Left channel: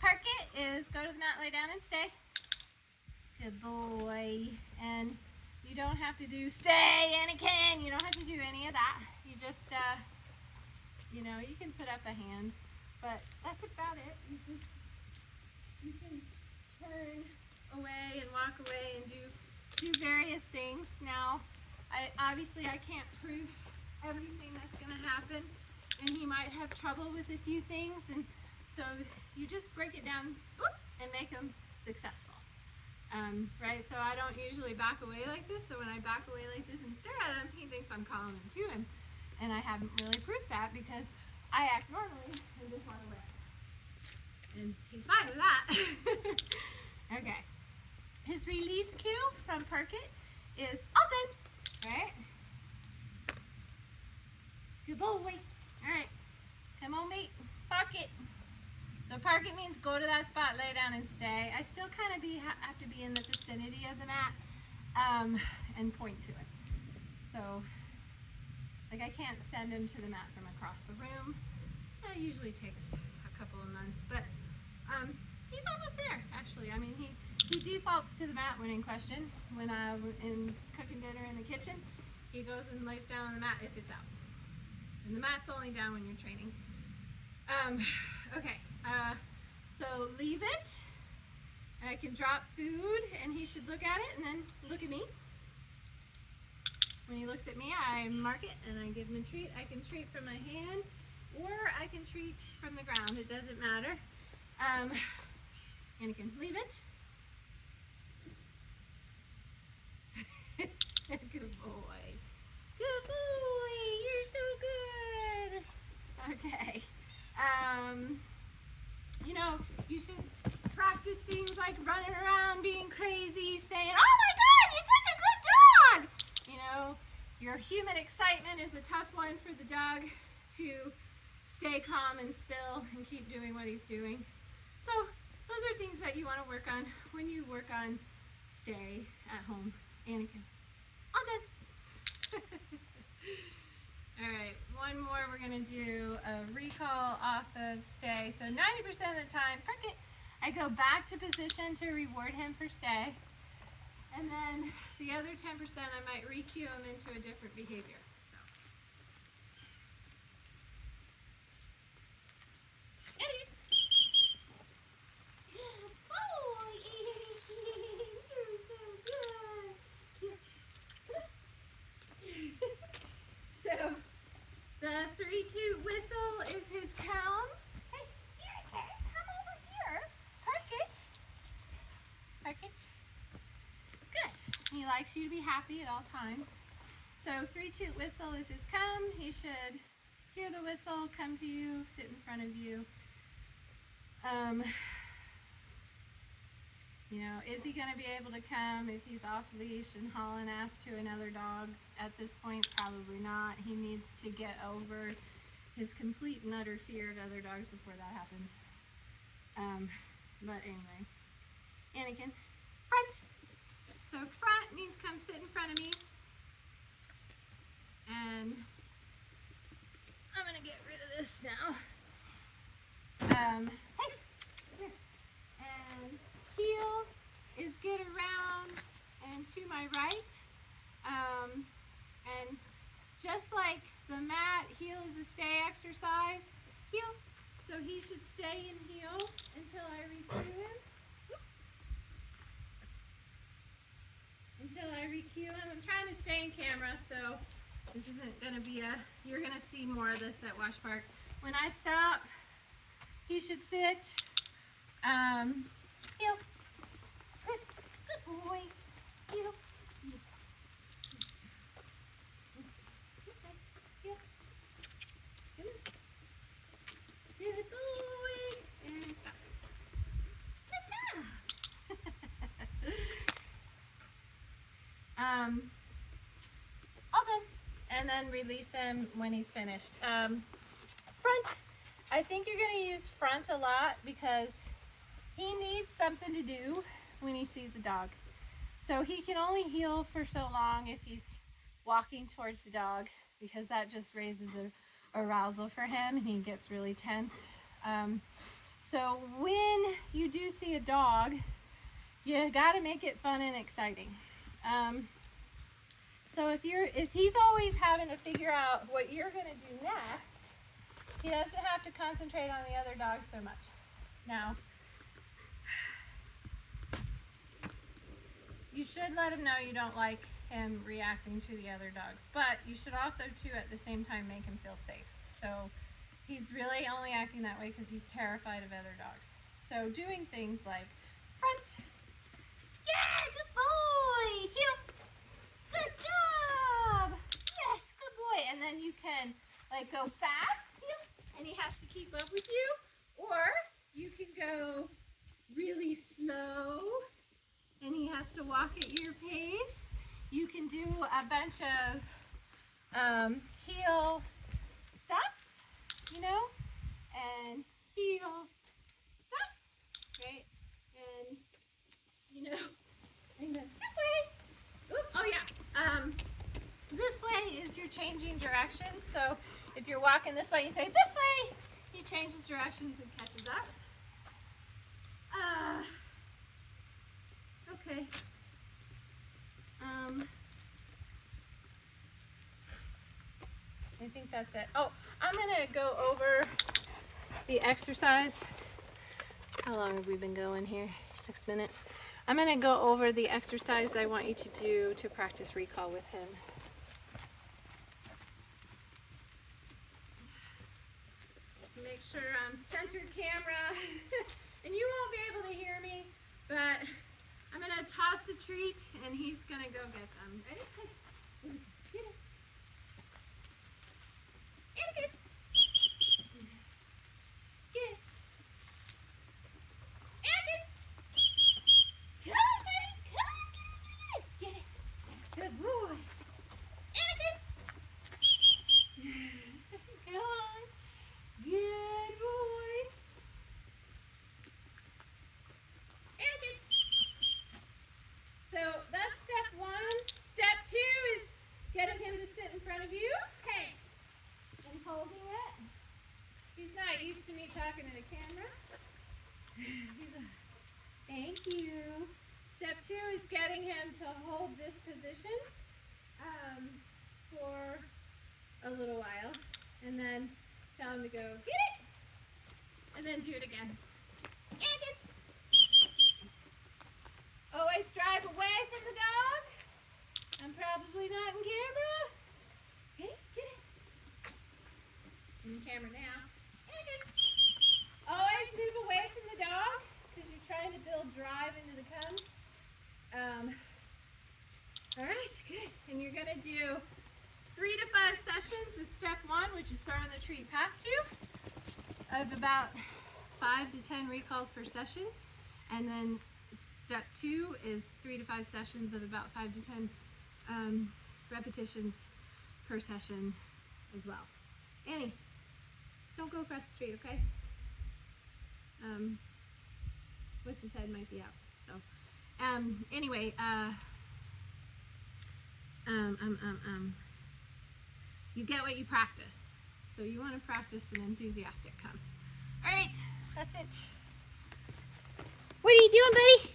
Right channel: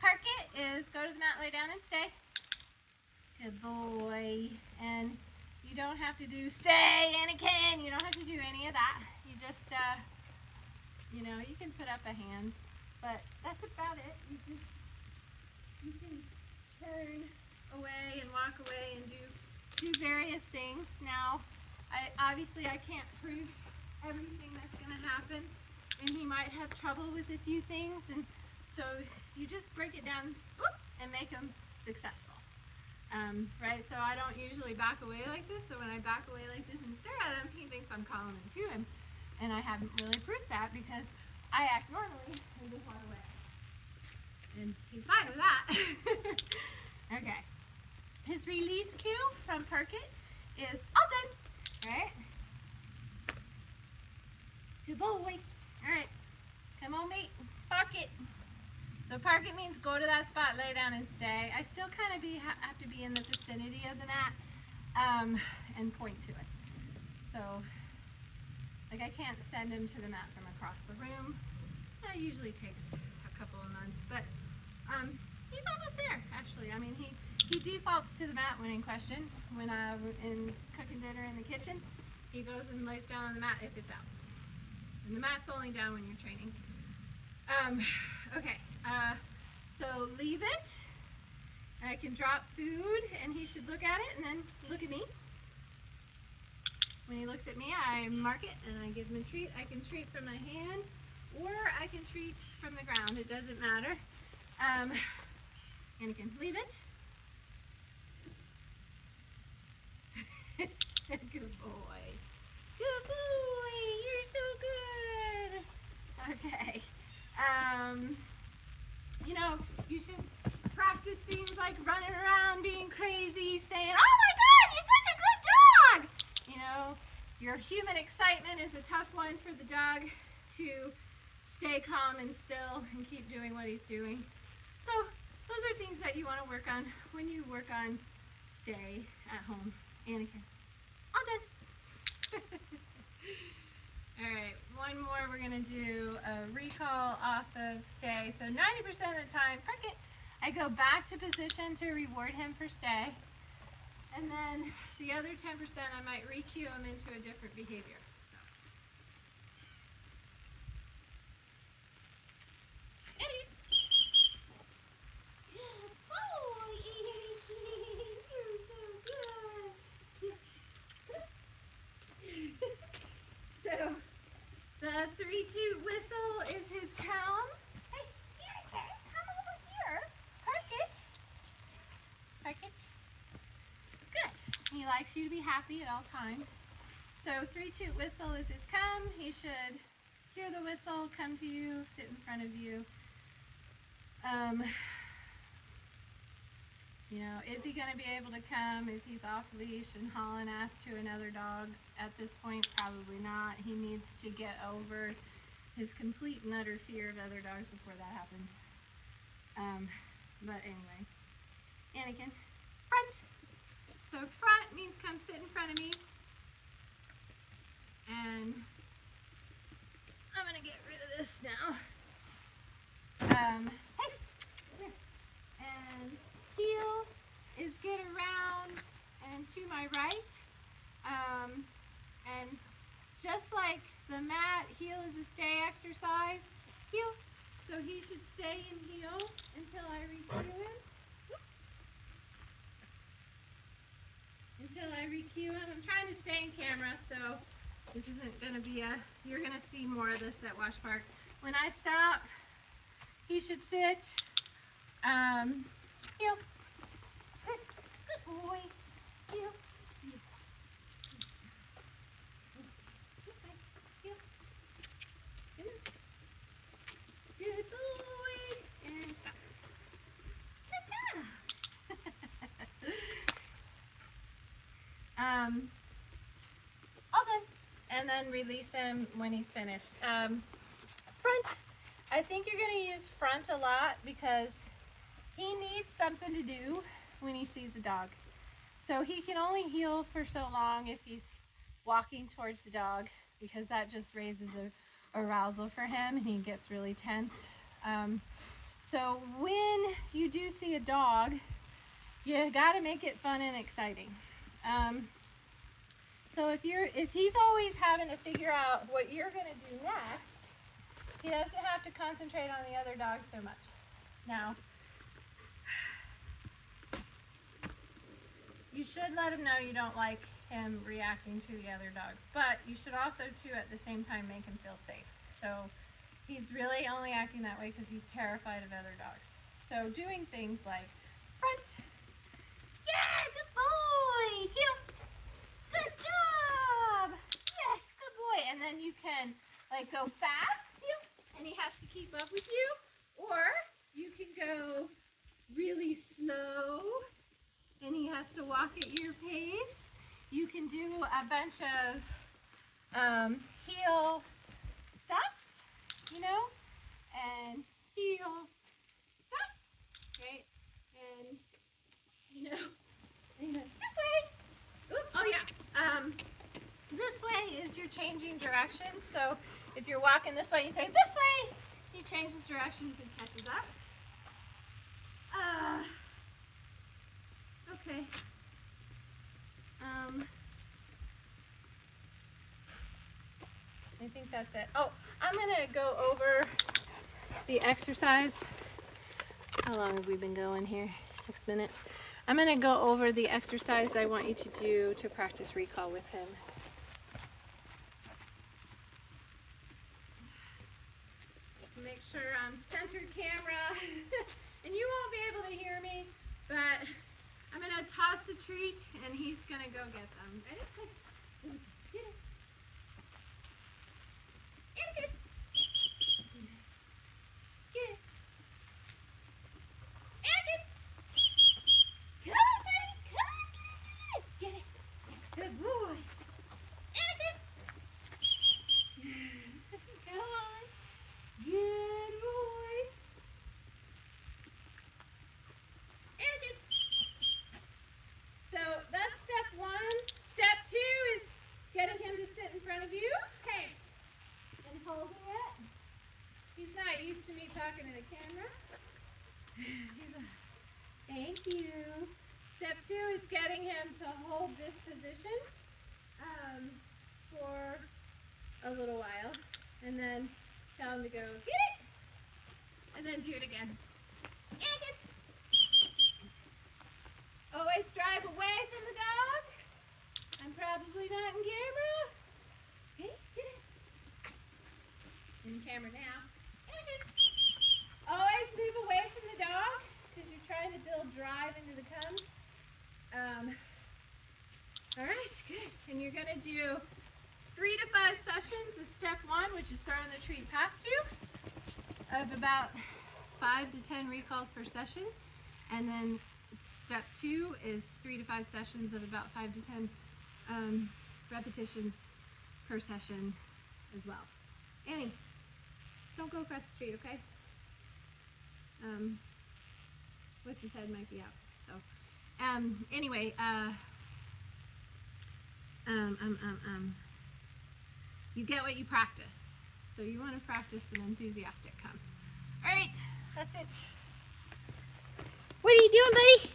park it is go to the mat, lay down, and stay. Good boy. And you don't have to do stay, Anakin. You don't have to do any of that. You just, you know, you can put up a hand, but that's about it. You can turn away and walk away and do various things. Now, obviously I can't prove everything that's going to happen, and he might have trouble with a few things, and so you just break it down and make them successful. Right, so I don't usually back away like this, so when I back away like this and stare at him, he thinks I'm calling him to him, and I haven't really proved that because I act normally and just walk away. And he's fine with that. Okay. His release cue from park it is all done. Alright. Good boy. Alright. Come on, mate. Park it. So park it means go to that spot, lay down, and stay. I still kind of have to be in the vicinity of the mat and point to it. So, like, I can't send him to the mat from across the room. That usually takes a couple of months, but he's almost there, actually. I mean, he defaults to the mat when in question. When I'm in cooking dinner in the kitchen, he goes and lays down on the mat if it's out. And the mat's only down when you're training. Okay, so leave it. I can drop food and he should look at it and then look at me. When he looks at me, I mark it and I give him a treat. I can treat from my hand or I can treat from the ground. It doesn't matter. Anakin, leave it. Good boy. Good boy. You're so good. Okay. You know, you should practice things like running around, being crazy, saying, "Oh my God, you're such a good dog!" You know, your human excitement is a tough one for the dog to stay calm and still and keep doing what he's doing. So those are things that you want to work on when you work on stay at home. Anakin, all done. All right, one more. We're going to do a recall off of stay. So 90% of the time, park it. I go back to position to reward him for stay. And then the other 10%, I might re-cue him into a different behavior. So. Eddie. Good boy. You're so good. So, the 3-2 whistle is his calm. Hey, Anakin, come over here. Park it. Park it. Good. He likes you to be happy at all times. So 3-2 whistle is his come. He should hear the whistle, come to you, sit in front of you. You know, is he going to be able to come if he's off leash and hauling ass to another dog at this point? Probably not. He needs to get over his complete and utter fear of other dogs before that happens. But anyway, Anakin, front. So front means come sit in front of me. And I'm going to get rid of this now. Hey, here. And heel is get around and to my right. And just like the mat, heel is a stay exercise. Heel. So he should stay in heel until I re-cue him. Until I re-cue him. I'm trying to stay in camera, so this isn't going to be you're going to see more of this at Wash Park. When I stop, he should sit. Heel. Good boy. Heel. Heel. Come on. Good boy. And stop. All done. And then release him when he's finished. Front. I think you're going to use front a lot because he needs something to do when he sees a dog. So he can only heel for so long if he's walking towards the dog because that just raises a arousal for him and he gets really tense. So when you do see a dog, you got to make it fun and exciting. So if he's always having to figure out what you're going to do next, he doesn't have to concentrate on the other dogs so much. Now, you should let him know you don't like him reacting to the other dogs, but you should also too at the same time make him feel safe. So he's really only acting that way because he's terrified of other dogs. So doing things like front, yeah, good boy, heel, good job, yes, good boy. And then you can like go fast, heel, and he has to keep up with you, or you can go really slow and he has to walk at your pace. You can do a bunch of heel stops, you know, and heel stop, right? And, you know, and this way. Oops, oh yeah. This way is you're changing directions. So if you're walking this way, you say this way. He changes directions and catches up. Okay. I think that's it. Oh, I'm gonna go over the exercise. How long have we been going here? 6 minutes. I'm gonna go over the exercise I want you to do to practice recall with him. Make sure I'm centered camera. And you won't be able to hear me, but I'm gonna toss the treat and he's gonna go get them. Ready? Get it. Get it. Get it. Anakin! Come on, buddy. Come on. Get it. Good boy. Anakin! Come on. Good boy. Anakin! So that's step 1. Step 2 is getting him to sit in front of you. Hey. And holding it. He's not used to me talking to the camera. Thank you. Step 2 is getting him to hold this position for a little while. And then tell him to go, get it! And then do it again. And it. Always drive away from the dog. I'm probably not in camera. Get it, get it. In camera now. And it. Always move away from the dog because you're trying to build drive into the cones. All right, good. And you're going to do 3 to 5 sessions of step 1, which is throwing the treat past you, of about 5 to 10 recalls per session. And then step 2 is 3 to 5 sessions of about 5 to 10 repetitions per session as well. Annie, don't go across the street, okay? What's his head might be out. So, anyway, you get what you practice. So you want to practice an enthusiastic come. All right, that's it. What are you doing, buddy?